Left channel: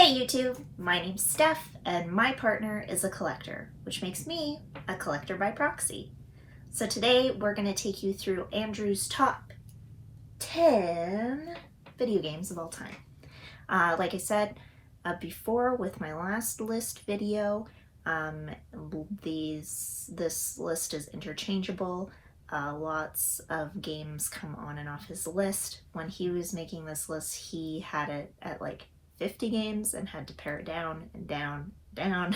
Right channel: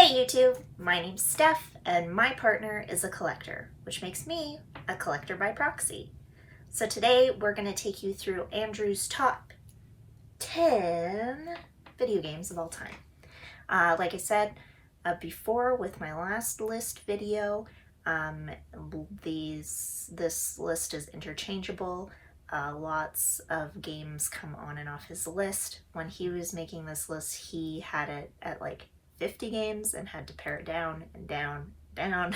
Hey YouTube, my name's Steph and my partner is a collector, which makes me a collector by proxy. So today we're going to take you through Andrew's top 10 video games of all time. Like I said before with my last list video, this list is interchangeable. Lots of games come on and off his list. When he was making this list, he had it at like 50 games and had to pare it down and down, down.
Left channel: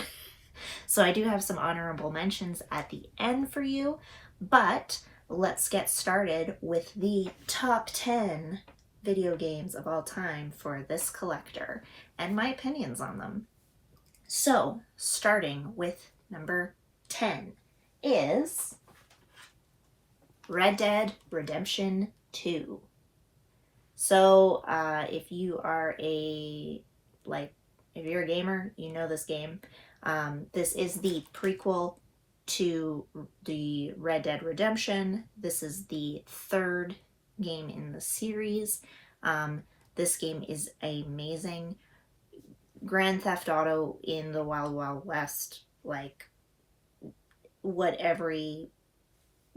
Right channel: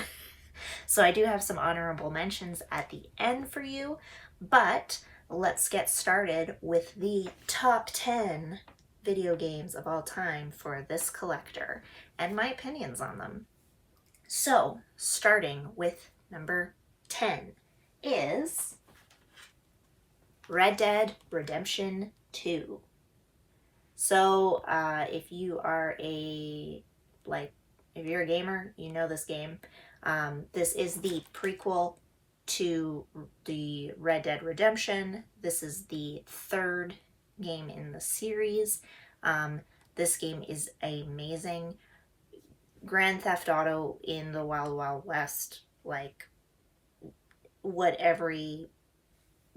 So I do have some honorable mentions at the end for you, but let's get started with the top 10 video games of all time for this collector and my opinions on them. So starting with number 10 is Red Dead Redemption 2. So if you are if you're a gamer, you know this game. This is the prequel to the Red Dead Redemption. This is the third game in the series. This game is amazing. Grand Theft Auto in the Wild Wild West, like what every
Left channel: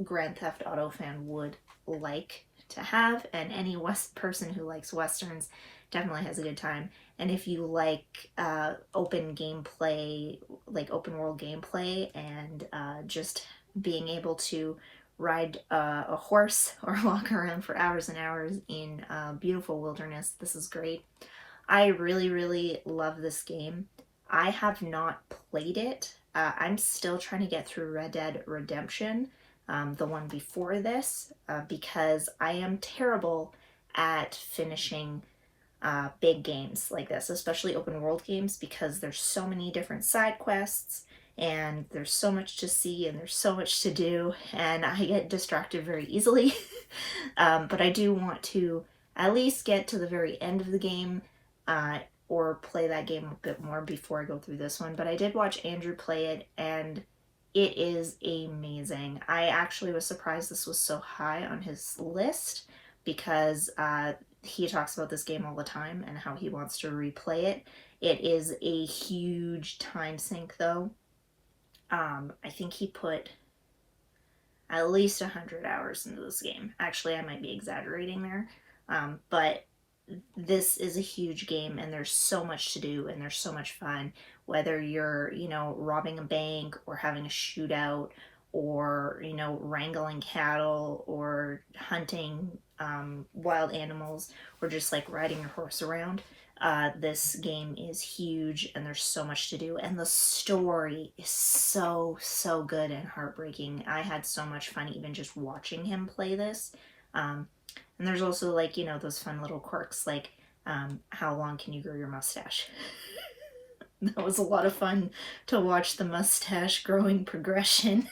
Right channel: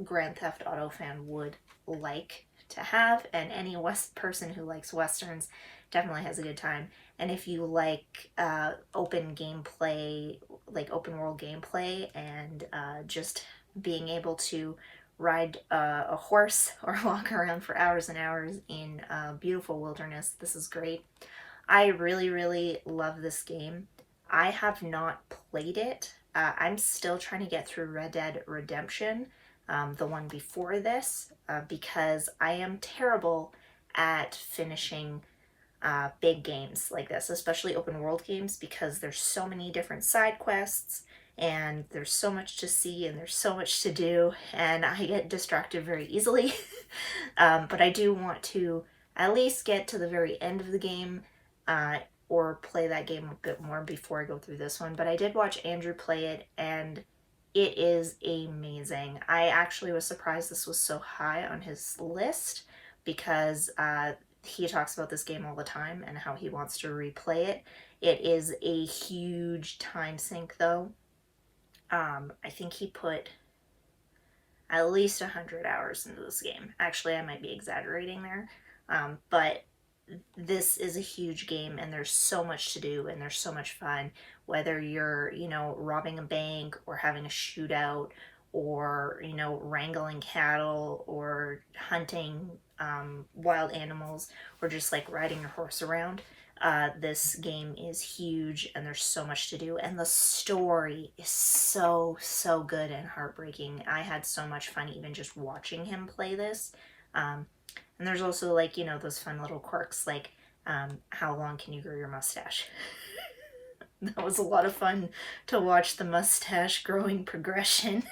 Grand Theft Auto fan would like to have, and any person who likes westerns definitely has a good time. And if you like open gameplay, like open world gameplay, and just being able to ride a horse or walk around for hours and hours in beautiful wilderness, this is great. I really love this game. I have not played it. I'm still trying to get through Red Dead Redemption, the one before this, because I am terrible at finishing big games like this, especially open world games, because there's so many different side quests and there's so much to see and there's so much to do, and I get distracted very easily. But I do want to at least get to the very end of the game, or play that game a bit more before I go through this one. But I did watch Andrew play it, and it is amazing. I actually was surprised this was so high on his list, because he talks about this game all the time and how he wants to replay it. It is a huge time sink though. I think he put at least 100 hours into this game. Actually, I might be exaggerating there, but this is a huge game and there's so much to do and there's so much fun, whether you're, robbing a bank or having a shootout, or, wrangling cattle, or hunting wild animals, or just like riding your horse around. This game is huge and there's so much to do, and the story is so good and heartbreaking. I had so much fun even just watching him play this. And there's also, like, those fun little quirks, like how long can you grow your mustache? That was a lot of fun to watch the mustache growing progression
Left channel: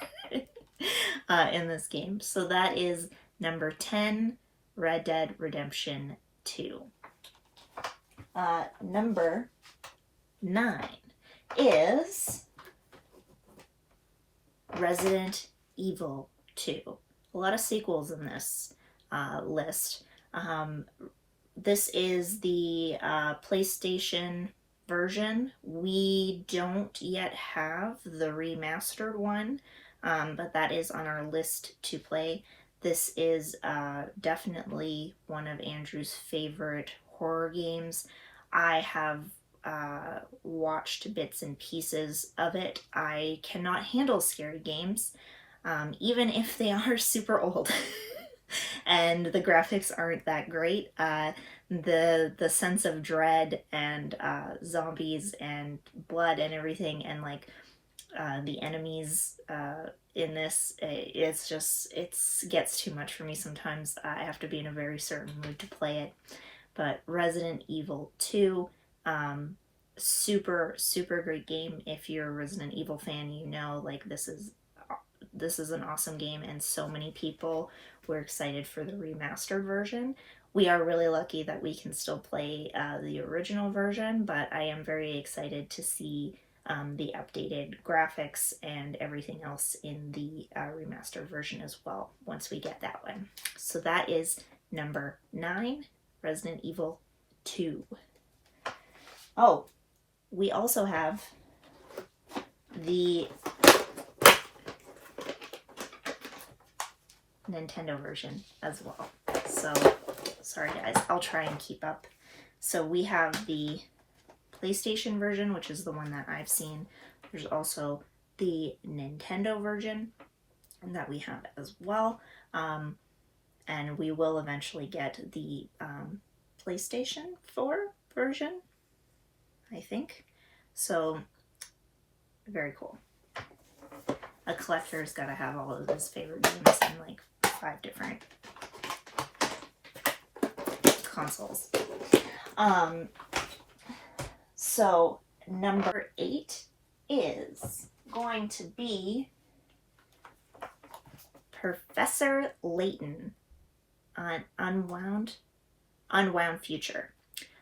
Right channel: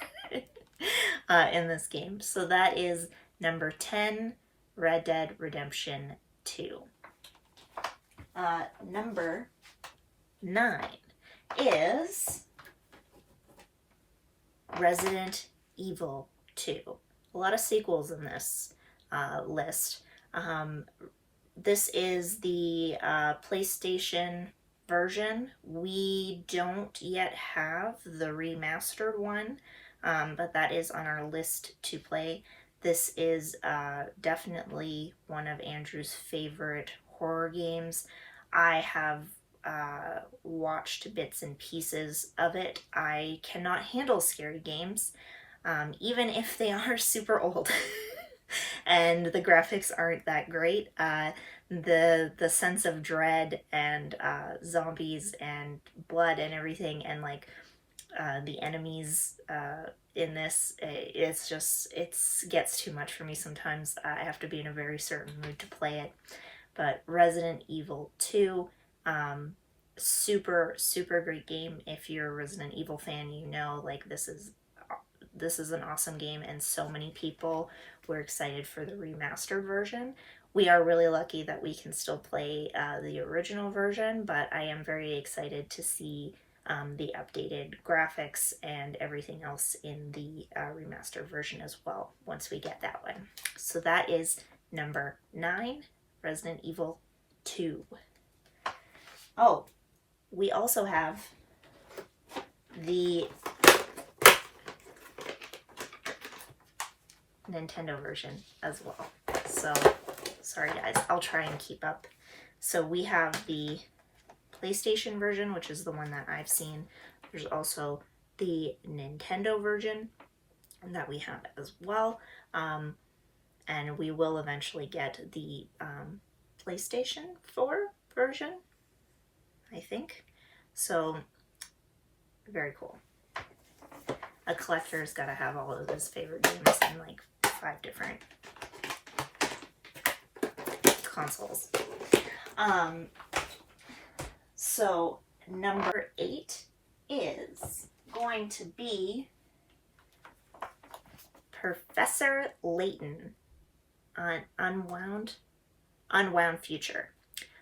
in this game. So that is number 10, Red Dead Redemption 2. Number 9 is Resident Evil 2. A lot of sequels in this list. This is the PlayStation version. We don't yet have the remastered one, but that is on our list to play. This is definitely one of Andrew's favorite horror games. I have watched bits and pieces of it. I cannot handle scary games, even if they are super old. And the graphics aren't that great. The sense of dread and zombies and blood and everything, and like the enemies in this, it gets too much for me sometimes. I have to be in a very certain mood to play it. But Resident Evil 2, super great game. If you're a Resident Evil fan, like this is an awesome game, and so many people were excited for the remastered version. We are really lucky that we can still play the original version, but I am very excited to see the updated graphics and everything else in the remastered version as well, once we get that one. So that is number 9, Resident Evil 2. Oh, we also have the Nintendo version as well. So, sorry guys, I'll try and keep up. So we have the PlayStation version, which is the one that I've seen. There's also the Nintendo version that we have as well. And we will eventually get the PlayStation 4 version, I think. So, very cool. A collector's got to have all of his favorite games in like 5 different consoles. So number 8 is going to be Professor Layton on Unwound Future.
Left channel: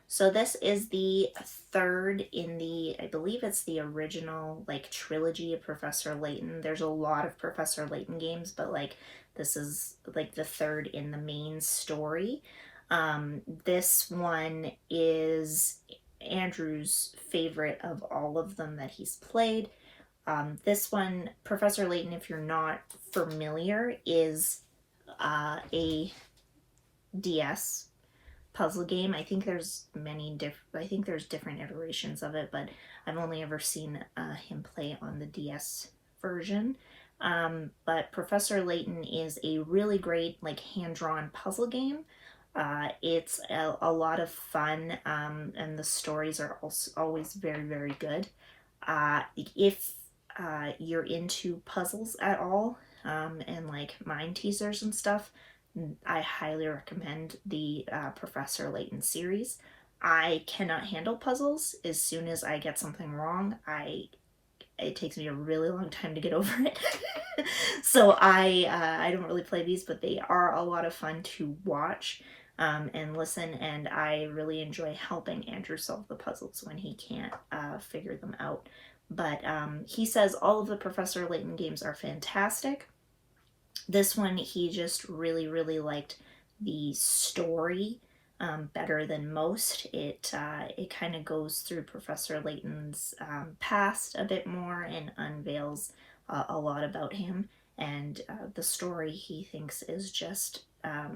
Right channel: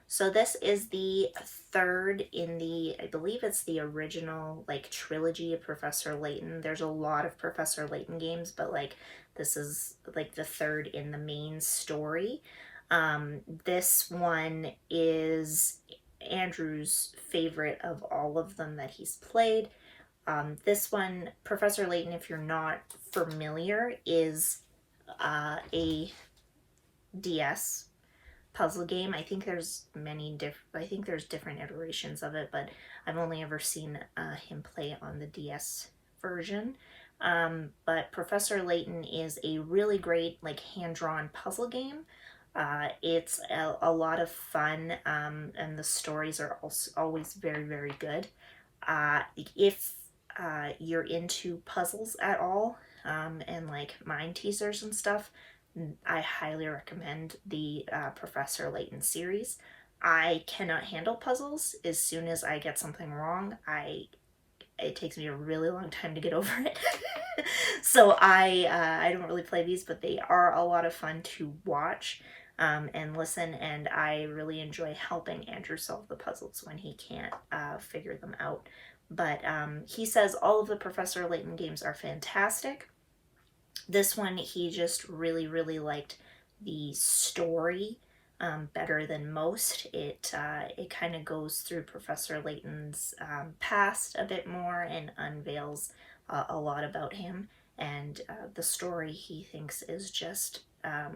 So this is the third in the, I believe it's the original like trilogy of Professor Layton. There's a lot of Professor Layton games, but like this is like the third in the main story. This one is Andrew's favorite of all of them that he's played. This one, Professor Layton, if you're not familiar, is a DS puzzle game. I think there's different iterations of it, but I've only ever seen him play on the DS version. But Professor Layton is a really great like hand-drawn puzzle game. It's a lot of fun, and the stories are also always very, very good. If you're into puzzles at all, and like mind teasers and stuff, I highly recommend the Professor Layton series. I cannot handle puzzles. As soon as I get something wrong, it takes me a really long time to get over it. So I don't really play these, but they are a lot of fun to watch and listen, and I really enjoy helping Andrew solve the puzzles when he can't figure them out. But he says all of the Professor Layton games are fantastic. This one, he just really, really liked the story better than most. It kind of goes through Professor Layton's past a bit more and unveils a lot about him. And the story, he thinks, is just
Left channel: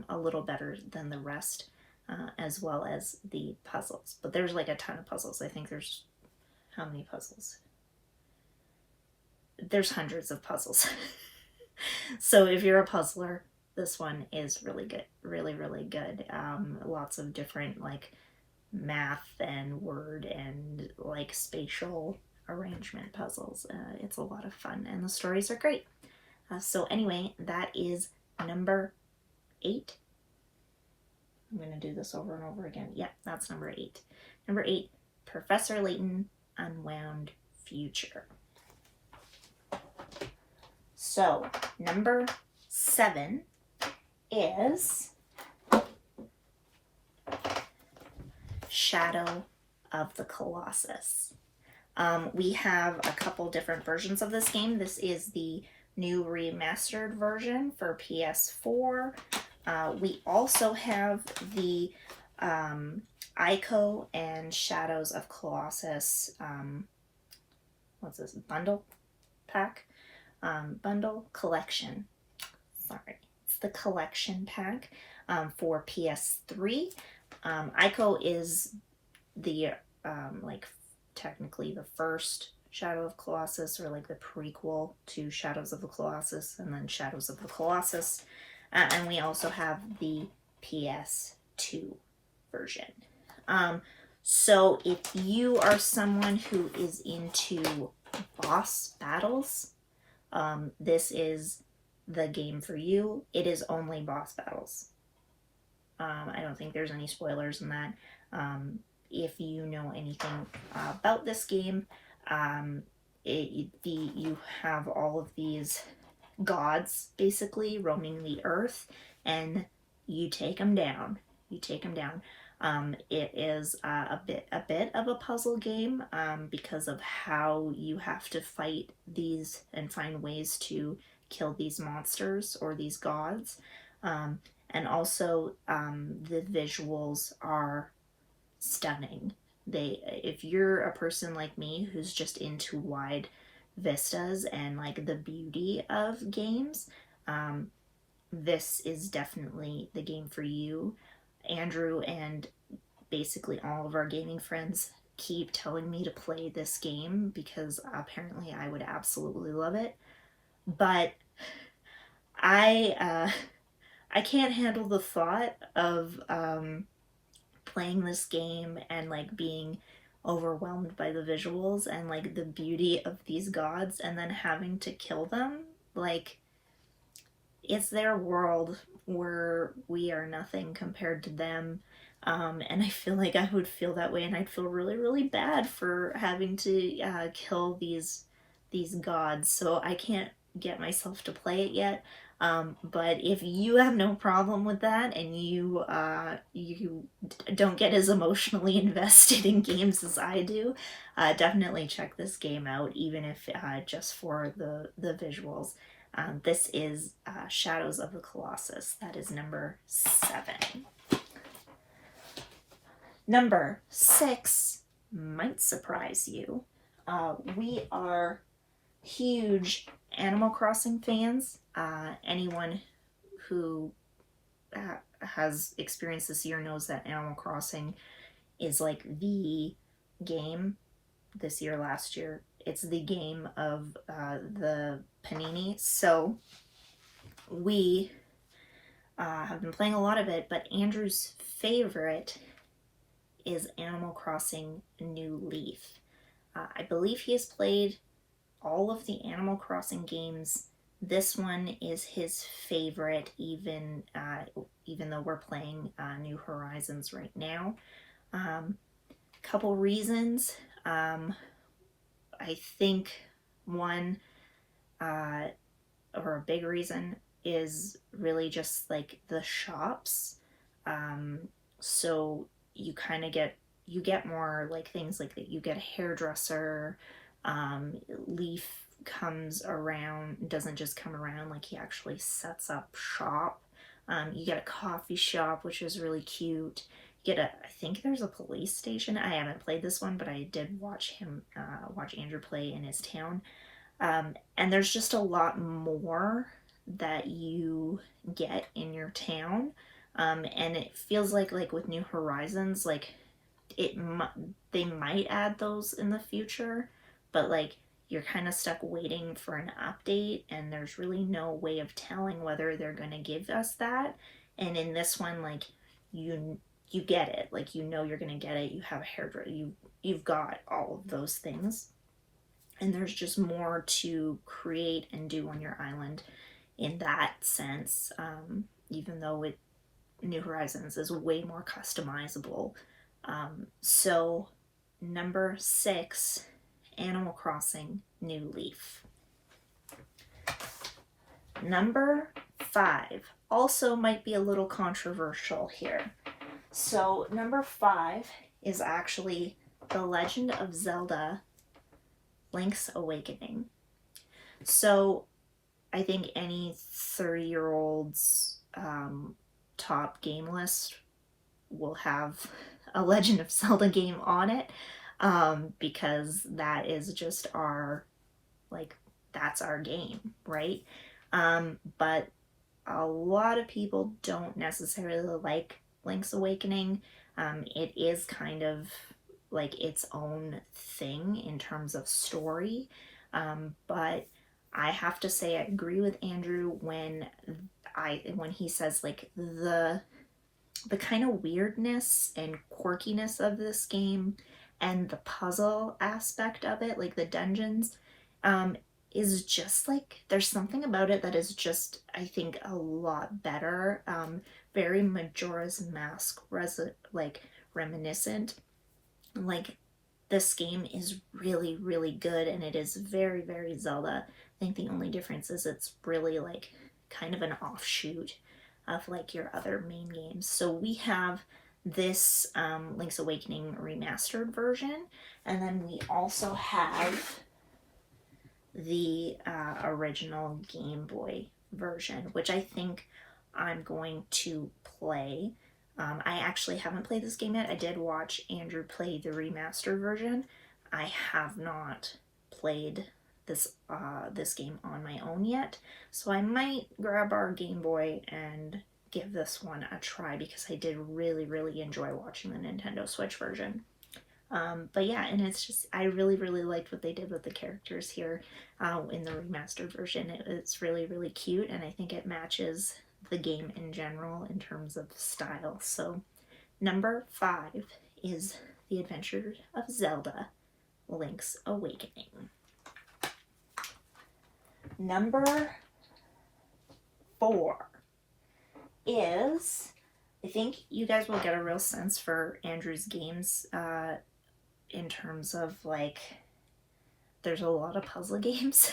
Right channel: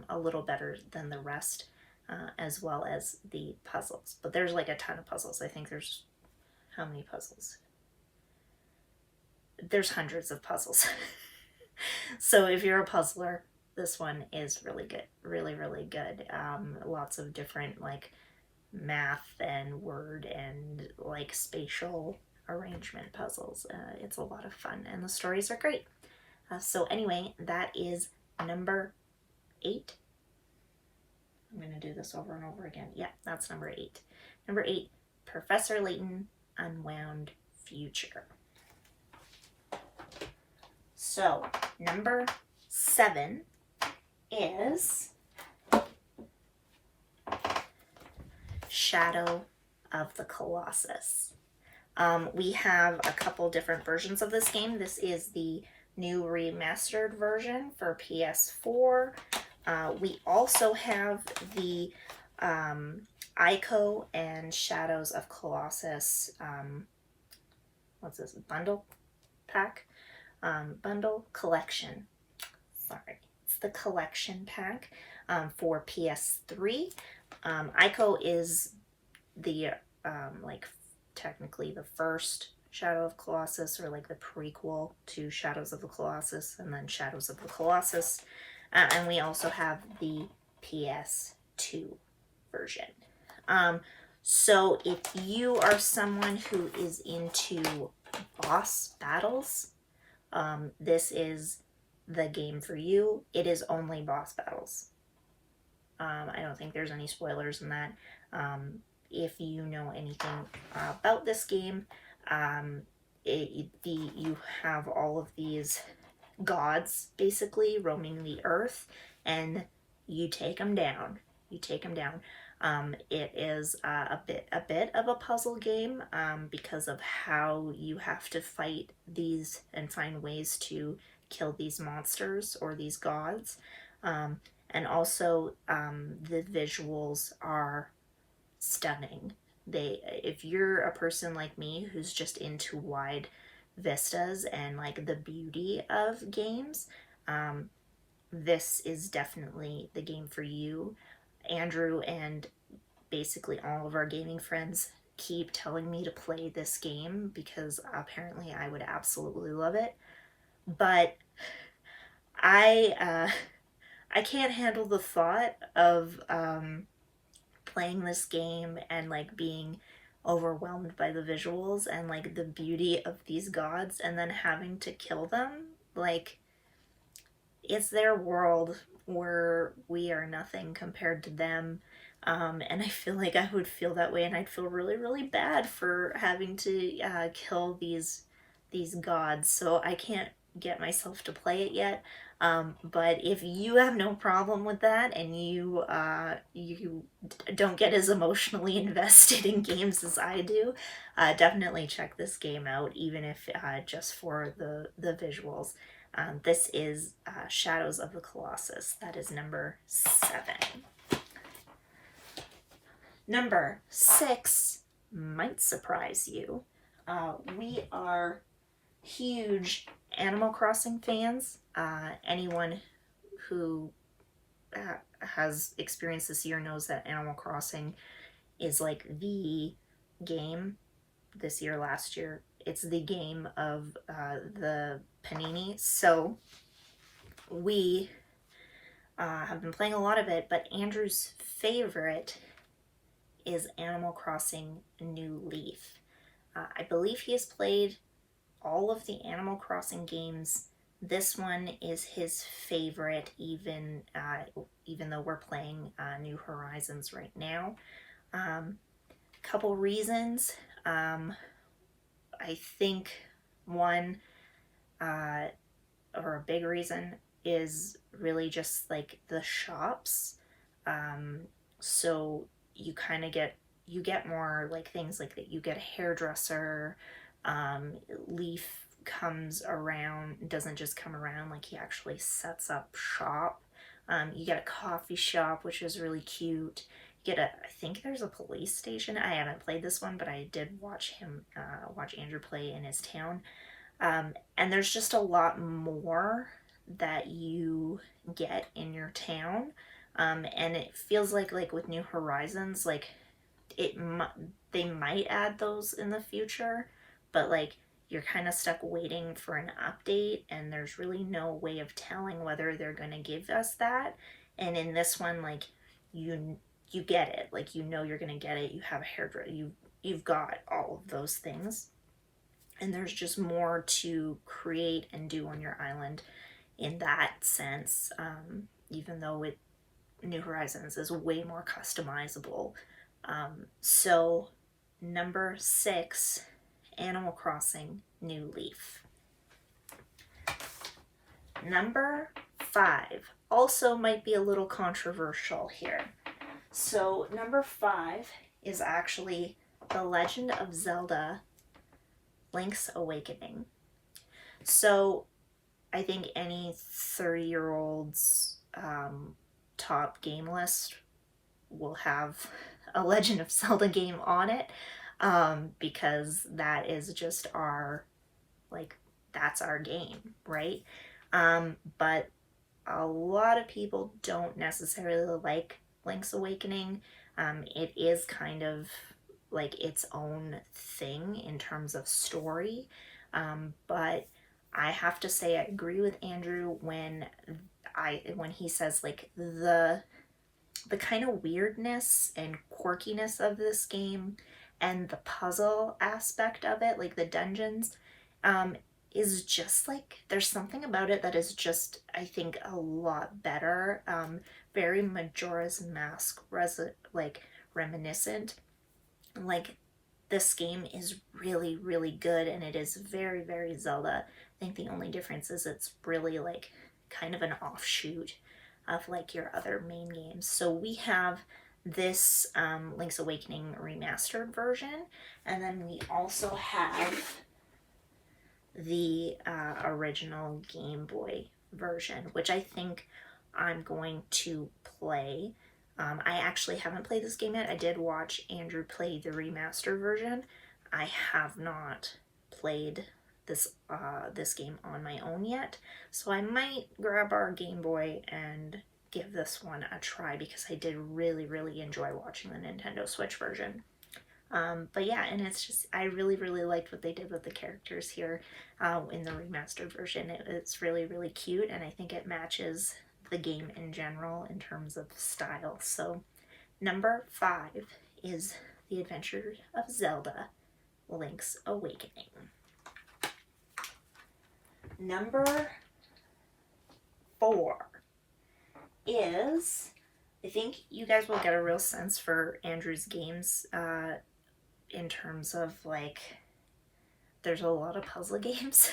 a little better than the rest, as well as the puzzles. But there's like a ton of puzzles. I think there's, how many puzzles? There's hundreds of puzzles. So if you're a puzzler, this one is really good. Really, really good. Lots of different like math and word and like spatial arrangement puzzles. It's a lot of fun and the stories are great. So anyway, that is number 8. I'm going to do this over and over again. Yeah, that's number 8. Number 8, Professor Layton Unwound Future. So, number 7 is Shadow of the Colossus. We have a couple different versions of this game. This is the new remastered version for PS4. We also have the Ico and Shadows of Colossus, what's this, bundle pack? Bundle collection. Sorry, it's the collection pack for PS3. Ico is the like technically the first Shadow of Colossus, or like the prequel to Shadows of the Colossus, and then Shadows of the Colossus. And we also have the PS2 version. So if you are someone who is into boss battles, this is the game for you. It is only boss battles. I don't think there's any spoilers in that. If you know anything about this game, you have all of these gods basically roaming the earth, and you take them down. It is a bit of a puzzle game because of how you have to fight these and find ways to kill these monsters or these gods. And also the visuals are stunning. if you're a person like me who's just into wide vistas and like the beauty of games, this is definitely the game for you. Andrew and basically all of our gaming friends keep telling me to play this game because apparently I would absolutely love it. But I can't handle the thought of playing this game and like being overwhelmed by the visuals and like the beauty of these gods and then having to kill them. Like, it's their world where we are nothing compared to them. And I feel like I would feel that way, and I'd feel really, really bad for having to kill these gods. So I can't get myself to play it yet. But if you have no problem with that, and you don't get as emotionally invested in games as I do, definitely check this game out, even if just for the visuals. This is Shadows of the Colossus. That is number 7. Number 6 might surprise you. We are huge Animal Crossing fans. Anyone who has experienced this year knows that Animal Crossing is like the game this year, last year. It's the game of the Panini. So we have been playing a lot of it, but Andrew's favorite is Animal Crossing New Leaf. I believe he has played all of the Animal Crossing games. This one is his favorite, even though we're playing New Horizons right now. Couple reasons. I think one, or a big reason, is really just like the shops. So you kind of get more like things like that. You get a hairdresser. Leaf comes around, doesn't just come around, like he actually sets up shop. You get a coffee shop, which is really cute. You get I think there's a police station. I haven't played this one, but I did watch Andrew play in his town. And there's just a lot more that you get in your town. And it feels like with New Horizons, like they might add those in the future, but like you're kind of stuck waiting for an update, and there's really no way of telling whether they're going to give us that. And in this one, like you get it, like you're going to get it. You have a hairdresser, you've got all of those things, and there's just more to create and do on your island in that sense. Even though New Horizons is way more customizable. So number 6, Animal Crossing New Leaf. Number 5 also might be a little controversial here. So number 5 is actually The Legend of Zelda Link's Awakening. So I think any 30-year-old's top game list will have a Legend of Zelda game on it, because that is just that's our game, right? But a lot of people don't necessarily like Link's Awakening. It is kind of like its own thing in terms of story, but I have to say I agree with Andrew when he says like the kind of weirdness and quirkiness of this game and the puzzle aspect of it, like the dungeons, is just like, there's something about it that is just, I think, a lot better. Very Majora's Mask reminiscent. Like, this game is really, really good, and it is very, very Zelda. I think the only difference is it's really like kind of an offshoot of like your other main games. So we have this Link's Awakening remastered version, and then we also have the original Game Boy version, which I think I'm going to play. I actually haven't played this game yet. I did watch Andrew play the remastered version. I have not played this game on my own yet, so I might grab our Game Boy and give this one a try because I did really enjoy watching the Nintendo Switch version. But yeah, and it's just, I really liked what they did with the characters here in the remastered version. It's really cute, and I think it matches the game in general in terms of style. So number 5 is The Adventures of Zelda, Link's Awakening. Number 4 is, I think you guys will get a real sense for Andrew's games in terms of like, there's a lot of puzzle games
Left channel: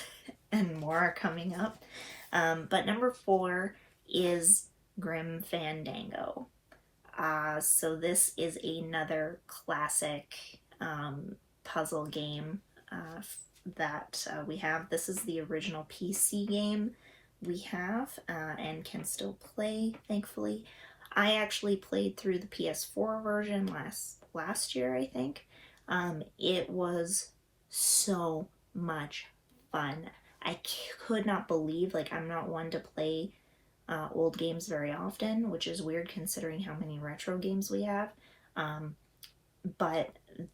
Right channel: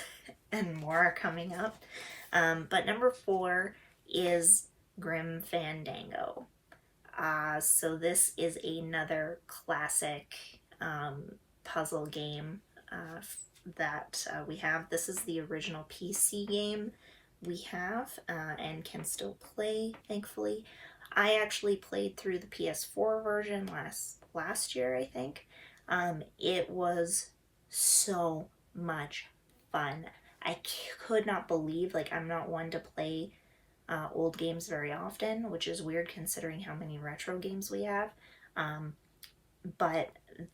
and more are coming up. But number 4 is Grim Fandango. So this is another classic puzzle game that we have. This is the original PC game we have and can still play, thankfully. I actually played through the PS4 version last year, I think. It was so much fun. I could not believe, like, I'm not one to play old games very often, which is weird considering how many retro games we have. But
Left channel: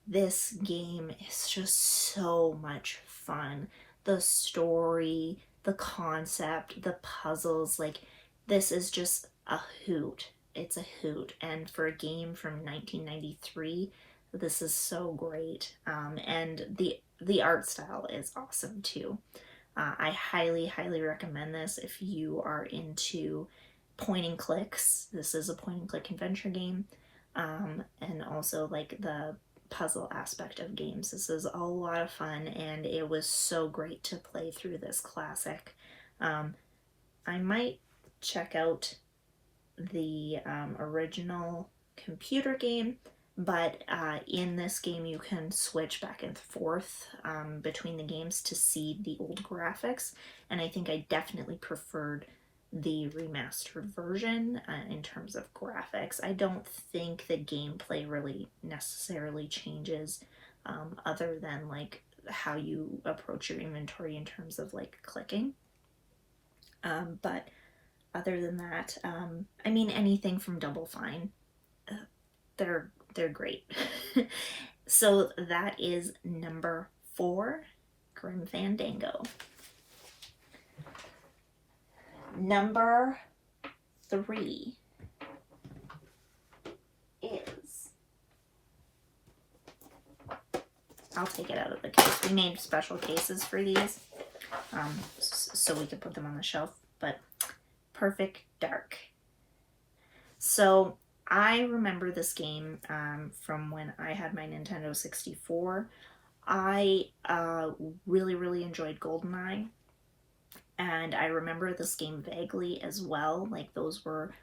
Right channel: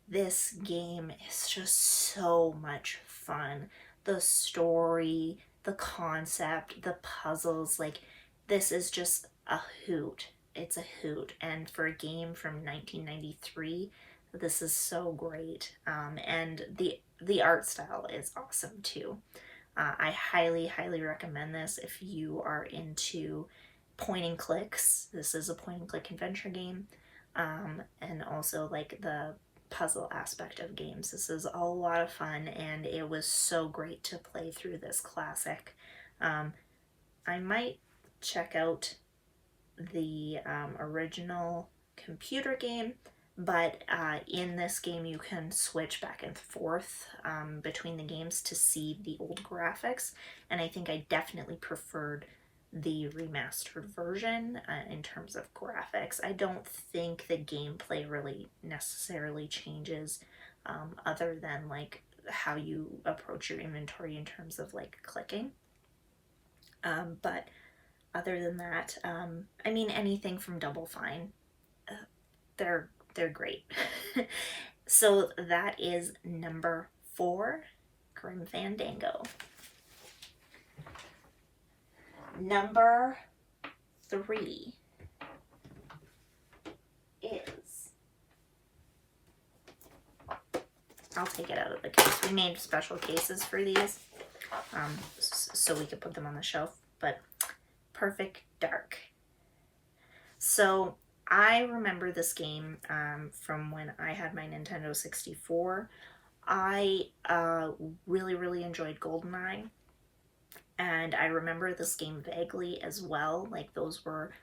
this game is just so much fun. The story, the concept, the puzzles, like, this is just a hoot. It's a hoot. And for a game from 1993, this is so great. And the art style is awesome too. I highly recommend this if you are into point and clicks. This is a point and click adventure game. And also like the puzzle aspect of games. This is a lot of fun, and it was so great to play through this classic. I might check out the original computer game, but in this game you can switch back and forth between the games to see the old graphics, and I think I definitely preferred the remastered version in terms of graphics. I don't think the gameplay really necessarily changes other than like how you approach your inventory in terms of like clicking. But other than that, I mean, anything from Double Fine, they're great. So that is number 4, Grim Fandango. Number 3 is, I'll take it out of the case. We made special cases for these so we could put them on the shelf, but Perfect Dark. So I remember this game from when I had my Nintendo 64. I really enjoyed GoldenEye. And I remember this game vaguely as well. Like, those were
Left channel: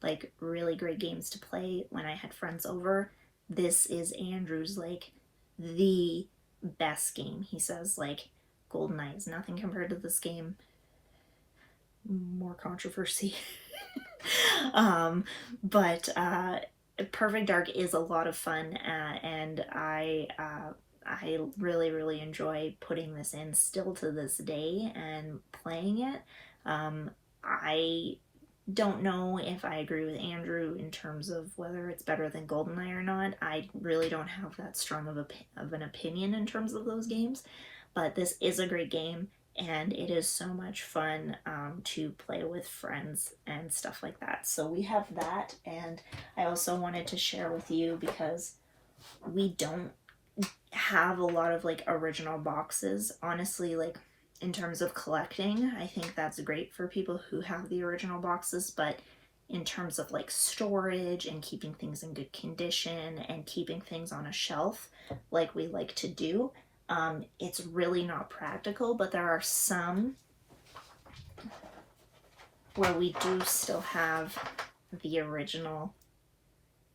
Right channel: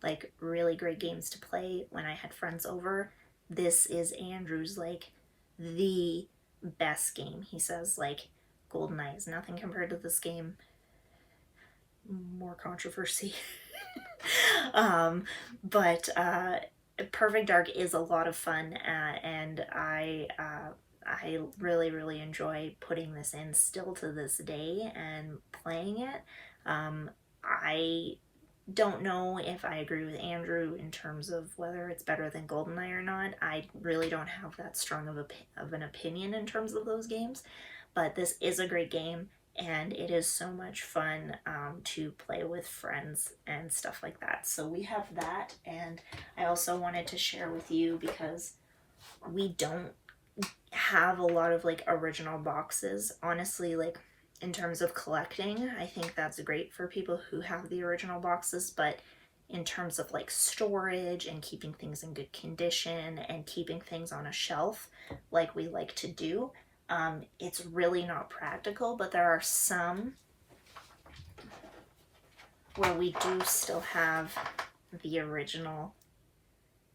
like really great games to play when I had friends over. This is Andrew's like the best game. He says like GoldenEye is nothing compared to this game. More controversy. But Perfect Dark is a lot of fun, and I really enjoy putting this in still to this day and playing it. I don't know if I agree with Andrew in terms of whether it's better than GoldenEye or not. I really don't have that strong of an opinion in terms of those games, but this is a great game, and it is so much fun to play with friends and stuff like that. So we have that, and I also wanted to share with you because we don't have a lot of like original boxes. Honestly, like in terms of collecting, I think that's great for people who have the original boxes, but in terms of like storage and keeping things in good condition and keeping things on a shelf like we like to do, it's really not practical. But there are some where we do still have the original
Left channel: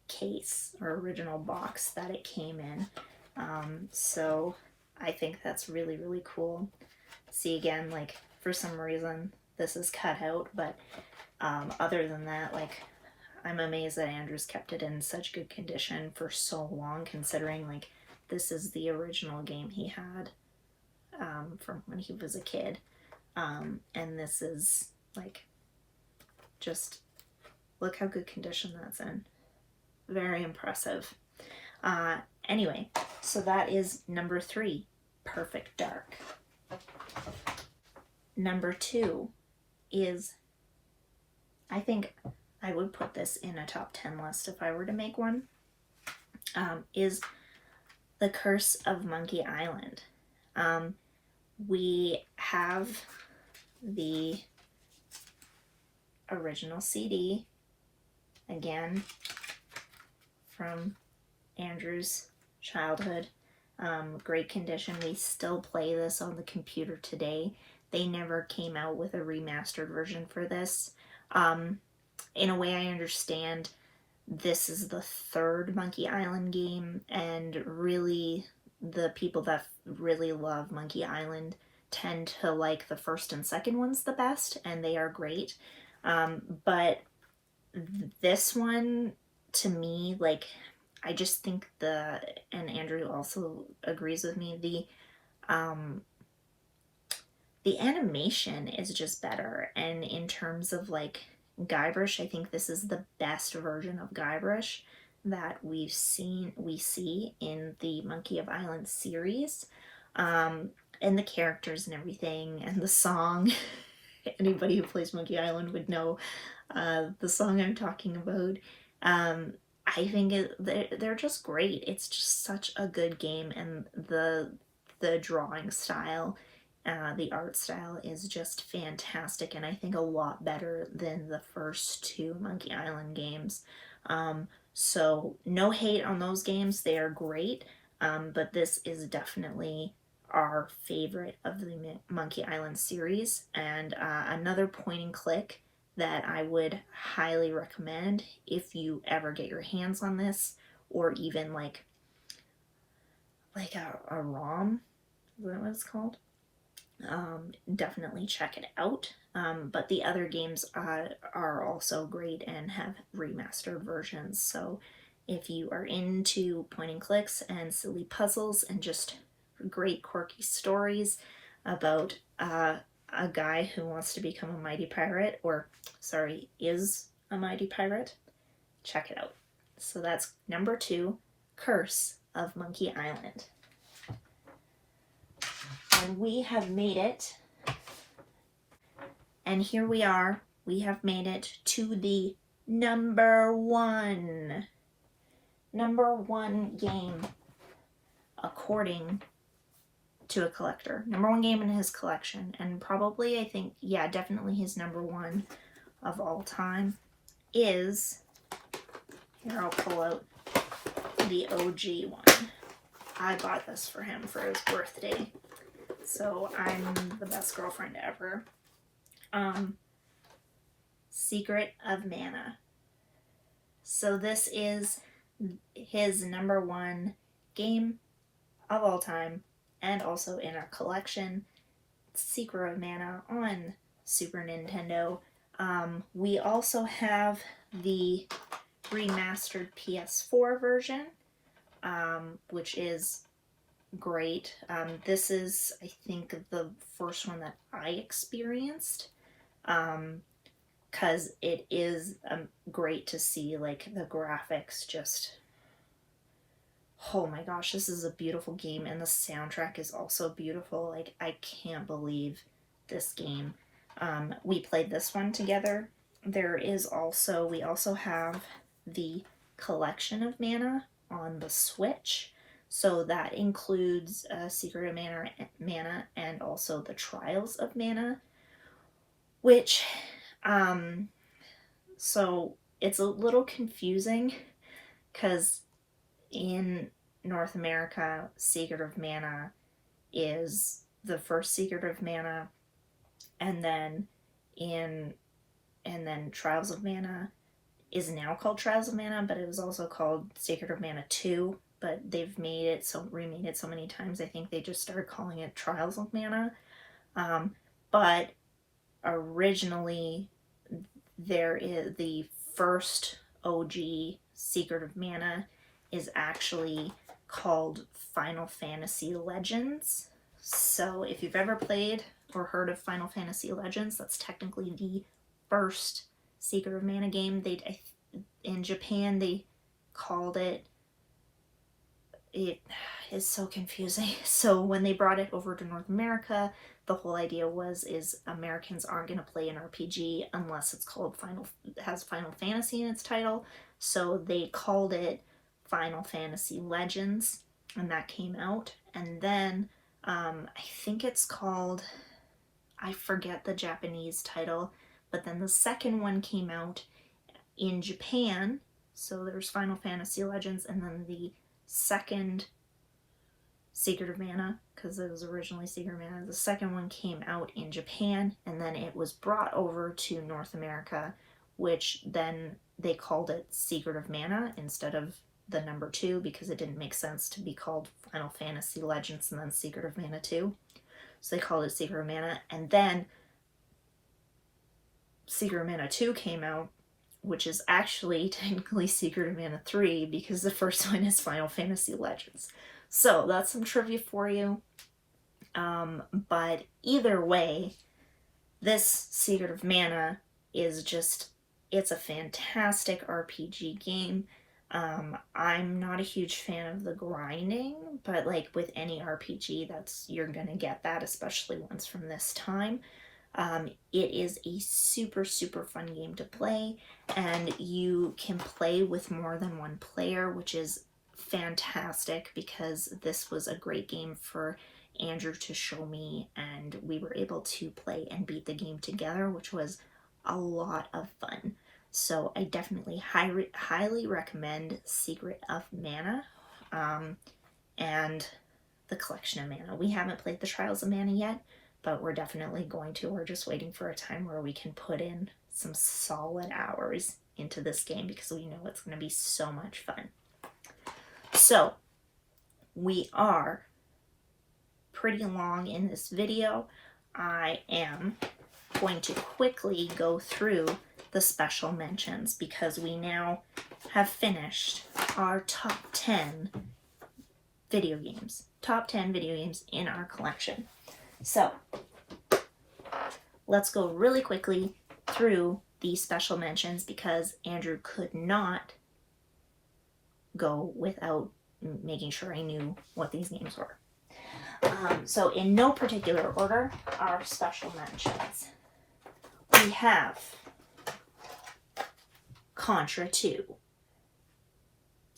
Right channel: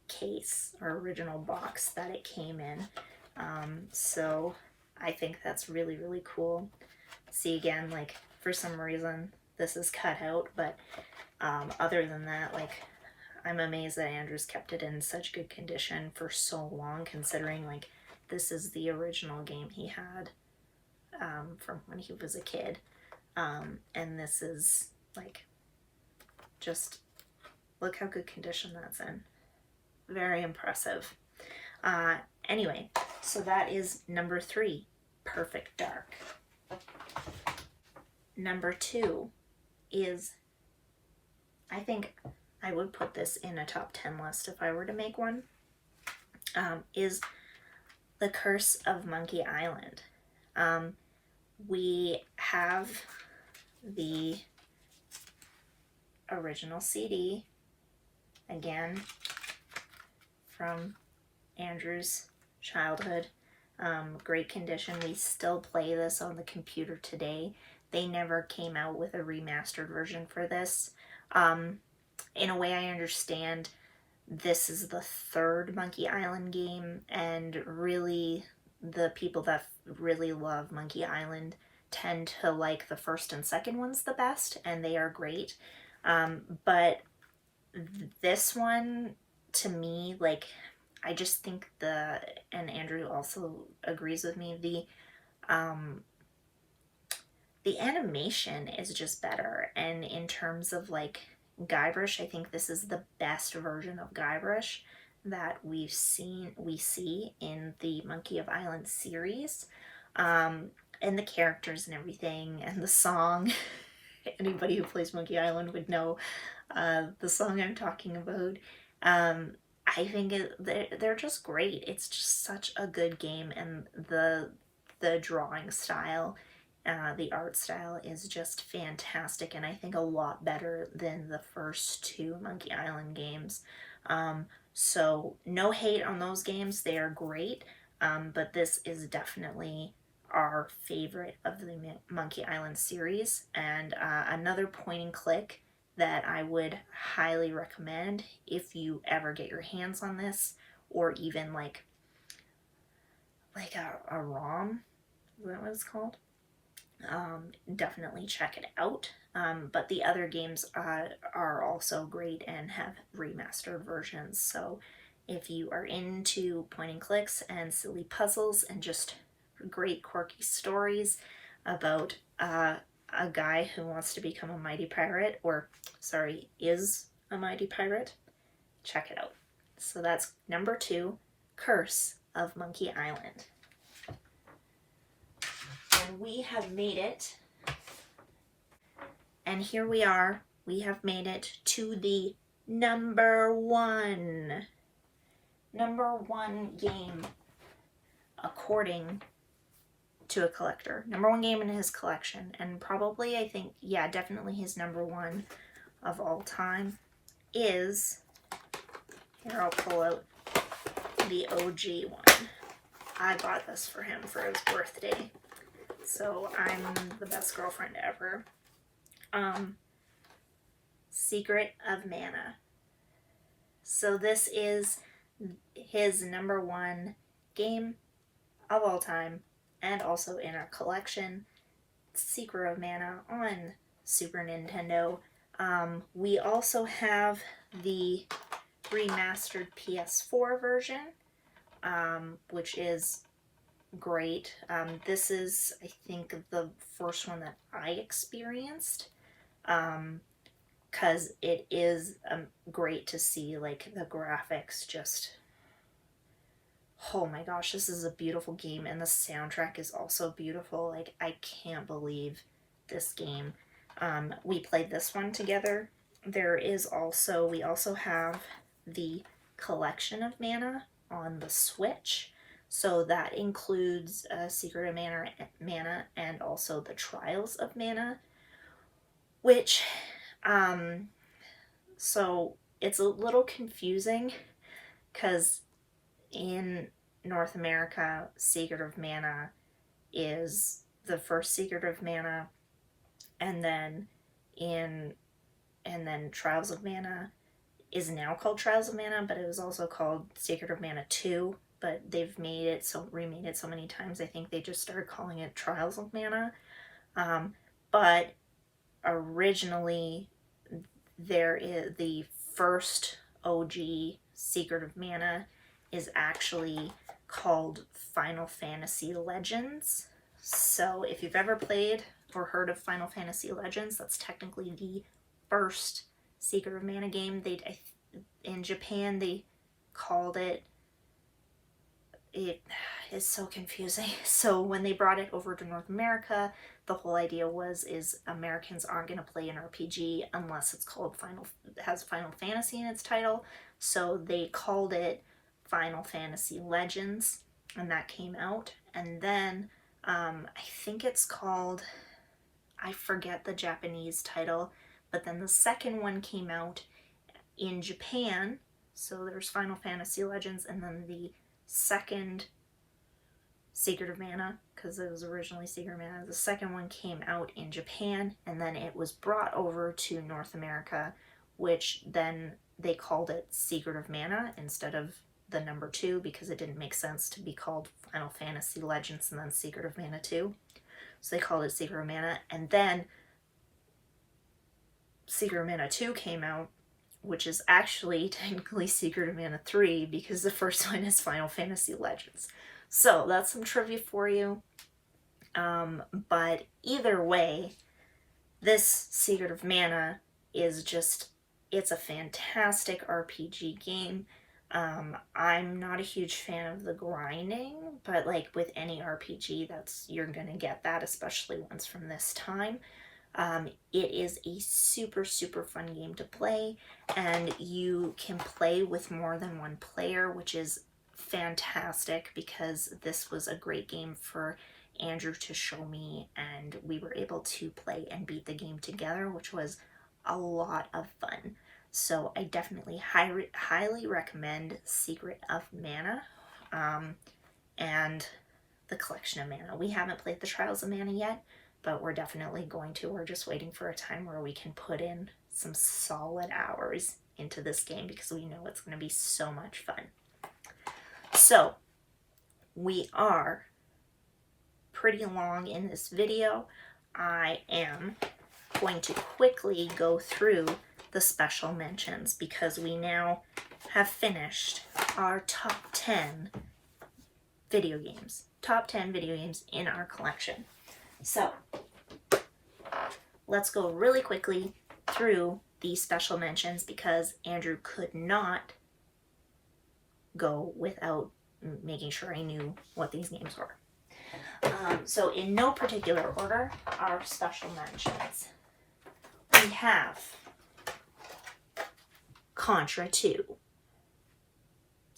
case or original box that it came in. So I think that's really cool. See, again, like for some reason this is cut out, but other than that, like I'm amazed that Andrew's kept it in such good condition for so long, considering like this is the original game he had from when he was a kid. And this is like, just look how good condition that's in. Very impressive. Anyway, so that is number 3, Perfect Dark. Number 2 is, I think I would put this in a top 10 list if I were to make one, is The Curse of Monkey Island. We have the original CD, again, from Andrew's childhood. Great condition. We still play this on the computer today. They never came out with a remastered version for this. In a way, I understand this is the 3rd Monkey Island game, and really the people that really love Monkey Island tend to like the 1st and 2nd ones the best, and they are great. But this one, to me, like, I just think and Andrew also agrees with me, the animation is just better. And in terms of like Guybrush, I think this is the best version of Guybrush that we see in the Monkey of Island series. And the characters and everything, and the song. Anybody who plays Monkey Island would know the song I'm talking about. I think they're just great. It's just such a good game, and the drawing style, the art style is just fantastic, and I think a lot better than the first 2 Monkey Island games. So no hate on those games, they are great, but this is definitely our favorite of the Monkey Island series, and another point and click that I would highly recommend if you ever get your hands on this, or even like a ROM, is that what it's called? Definitely check it out. But the other games are also great and have remastered versions, so if you are into point and clicks and silly puzzles and just great quirky stories about a guy who wants to become a mighty pirate, or sorry, is a mighty pirate, check it out. So that's number 2, Curse of Monkey Island. And we have made it, and here we are, we have made it to the number 1 game according to a collector. Number 1 game in his collection, and probably, I think, yeah, definitely his number 1 of all time is, here I'll pull out the OG one. I bought this for him for his birthday, so I'm the best girlfriend ever. Secret of Mana. So this is his number 1 game of all time, and also in our collection, Secret of Mana on Super Nintendo. We also have the remastered PS4 version, which is great. This is, I think, the first one that I experienced, because it is great to see, like, the graphics just... Oh my gosh, this is a beautiful game, and the soundtrack is also beautiful. Like, I can't believe this game. We played this one together. We also have the Collection of Mana on the Switch. So that includes Secret of Mana and also the Trials of Mana, which, so it's a little confusing, because in North America, Secret of Mana is the first Secret of Mana, and then Trials of Mana is now called Trials of Mana, but it was also called Secret of Mana 2, but they've remade it so many times, I think they just started calling it Trials of Mana. But originally, there is the first OG Secret of Mana is actually called Final Fantasy Legends. So if you've ever played or heard of Final Fantasy Legends, that's technically the first Secret of Mana game. In Japan, they called it is so confusing. So when they brought it over to North America, the whole idea is Americans aren't going to play an RPG unless it's called has Final Fantasy in its title. So they called it Final Fantasy Legends, and that came out. And then I think it's called, I forget the Japanese title, but then the second one came out in Japan. So there's Final Fantasy Legends, and then the second Secret of Mana, because it was originally Secret of Mana, the second one came out in Japan, and then it was brought over to North America, which then they called it Secret of Mana instead of the number 2, because it didn't make sense to be called Final Fantasy Legends and then Secret of Mana 2. So they called it Secret of Mana, and then Secret of Mana 2 came out, which is actually technically Secret of Mana 3, because the first one is Final Fantasy Legends. So that's some trivia for you. But either way, this Secret of Mana is just, it's a fantastic RPG game. I'm not a huge fan of the grinding, but like with any RPG, you're gonna get that, especially ones from this time. It is a super, super fun game to play, and you can play with more than one player, which is fantastic, because this was a great game for Andrew to show me, and we were able to play and beat the game together, which was a lot of fun. So I definitely highly recommend Secret of Mana, and the Collection of Mana. We haven't played the Trials of Mana yet, but we're definitely going to. We're just waiting for a time where we can put in some solid hours into this game, because we know it's going to be so much fun. So we are pretty long in this video. I am going to quickly go through the special mentions, because we now have finished our top 10 video games. Top 10 video games in our collection. So let's go really quickly through the special mentions, because Andrew could not go without making sure I knew what these games were. So in no particular order, our special mentions. We have Contra 2.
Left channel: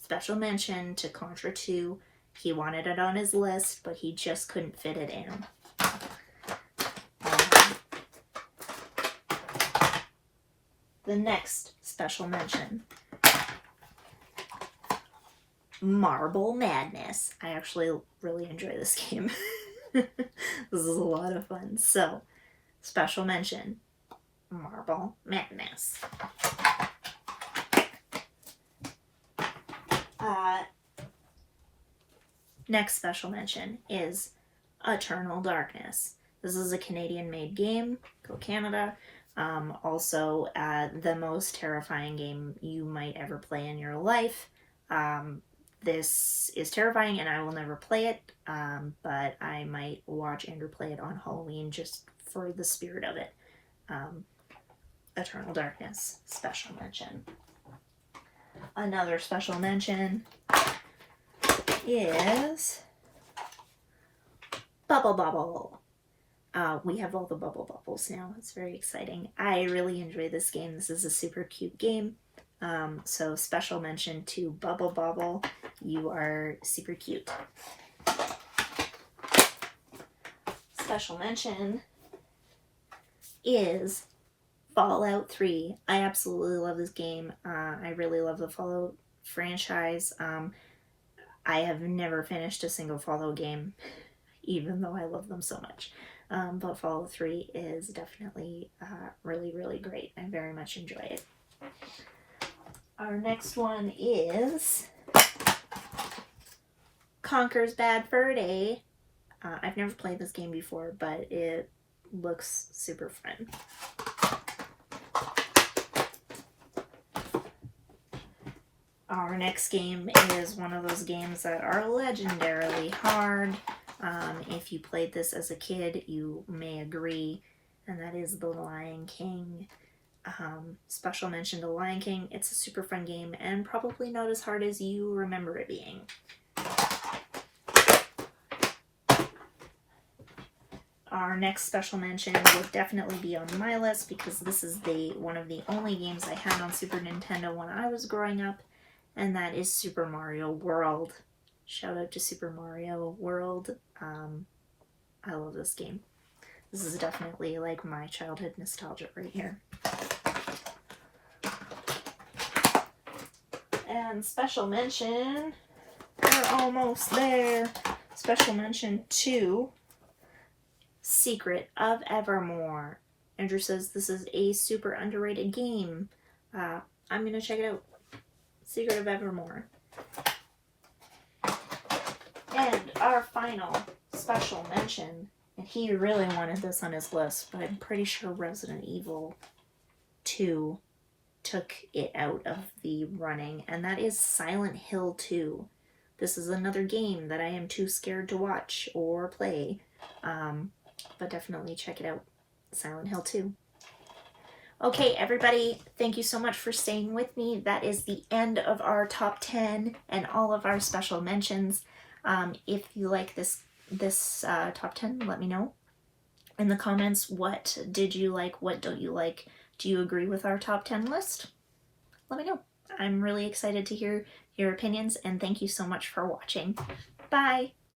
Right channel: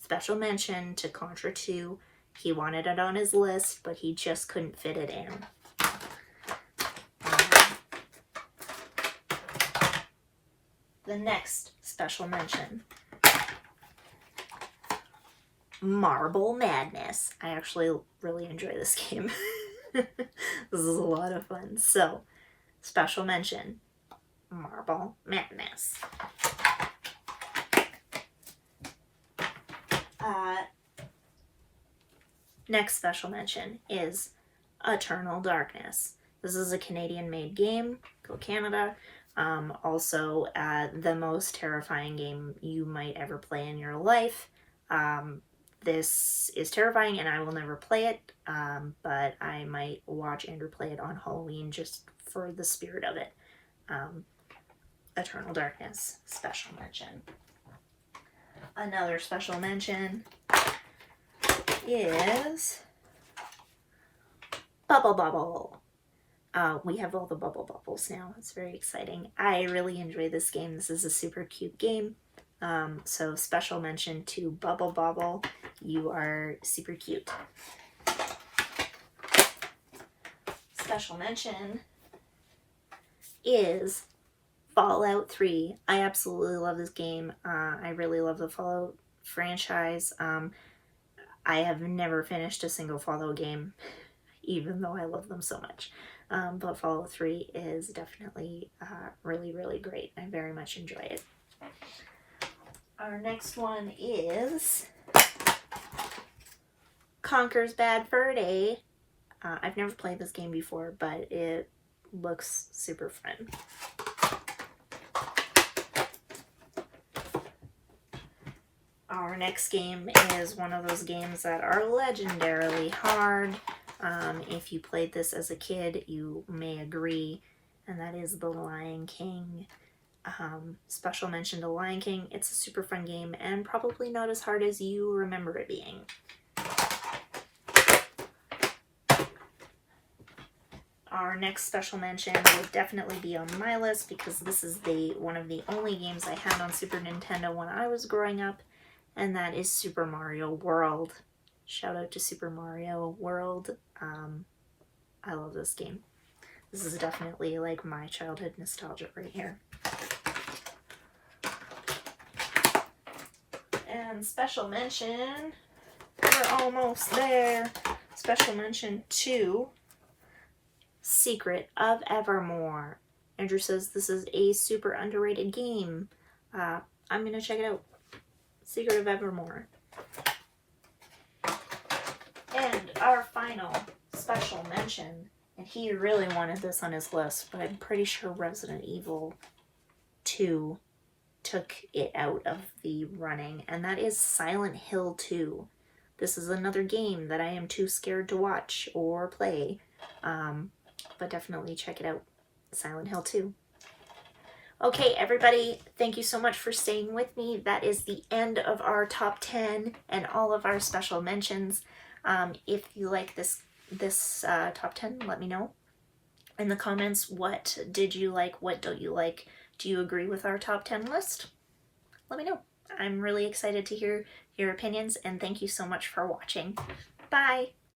Special mention to Contra 2. He wanted it on his list, but he just couldn't fit it in. The next special mention, Marble Madness. I actually really enjoy this game. This is a lot of fun. So, special mention, Marble Madness. Next special mention is Eternal Darkness. This is a Canadian-made game. Go Canada. Also, the most terrifying game you might ever play in your life. This is terrifying, and I will never play it, but I might watch Andrew play it on Halloween just for the spirit of it. Eternal Darkness, special mention. Another special mention is Bubble Bobble. We have all the Bubble Bobbles now. It's very exciting. I really enjoy this game. This is a super cute game. So special mention to Bubble Bobble. You are super cute. Special mention is Fallout 3. I absolutely love this game. I really love the Fallout franchise. I have never finished a single Fallout game, even though I love them so much. But Fallout 3 is definitely really, really great. I very much enjoy it. Our next one is Conker's Bad Fur Day. I've never played this game before, but it looks super fun. Our next game is one of those games that are legendarily hard. If you played this as a kid, you may agree, and that is The Lion King. Special mention to Lion King. It's a super fun game and probably not as hard as you remember it being. Our next special mention would definitely be on my list because this is one of the only games I had on Super Nintendo when I was growing up, and that is Super Mario World. Shout out to Super Mario World. I love this game. This is definitely like my childhood nostalgia right here. And special mention, we're almost there. Special mention to Secret of Evermore. Andrew says this is a super underrated game. I'm gonna check it out. Secret of Evermore. And our final special mention, and he really wanted this on his list, but I'm pretty sure Resident Evil 2 took it out of the running, and that is Silent Hill 2. This is another game that I am too scared to watch or play, but definitely check it out. Silent Hill 2. Okay, everybody, thank you so much for staying with me. That is the end of our top 10 and all of our special mentions. If you like this top 10, let me know in the comments. What did you like? What don't you like? Do you agree with our top 10 list? Let me know. I'm really excited to hear your opinions, and thank you so much for watching. Bye!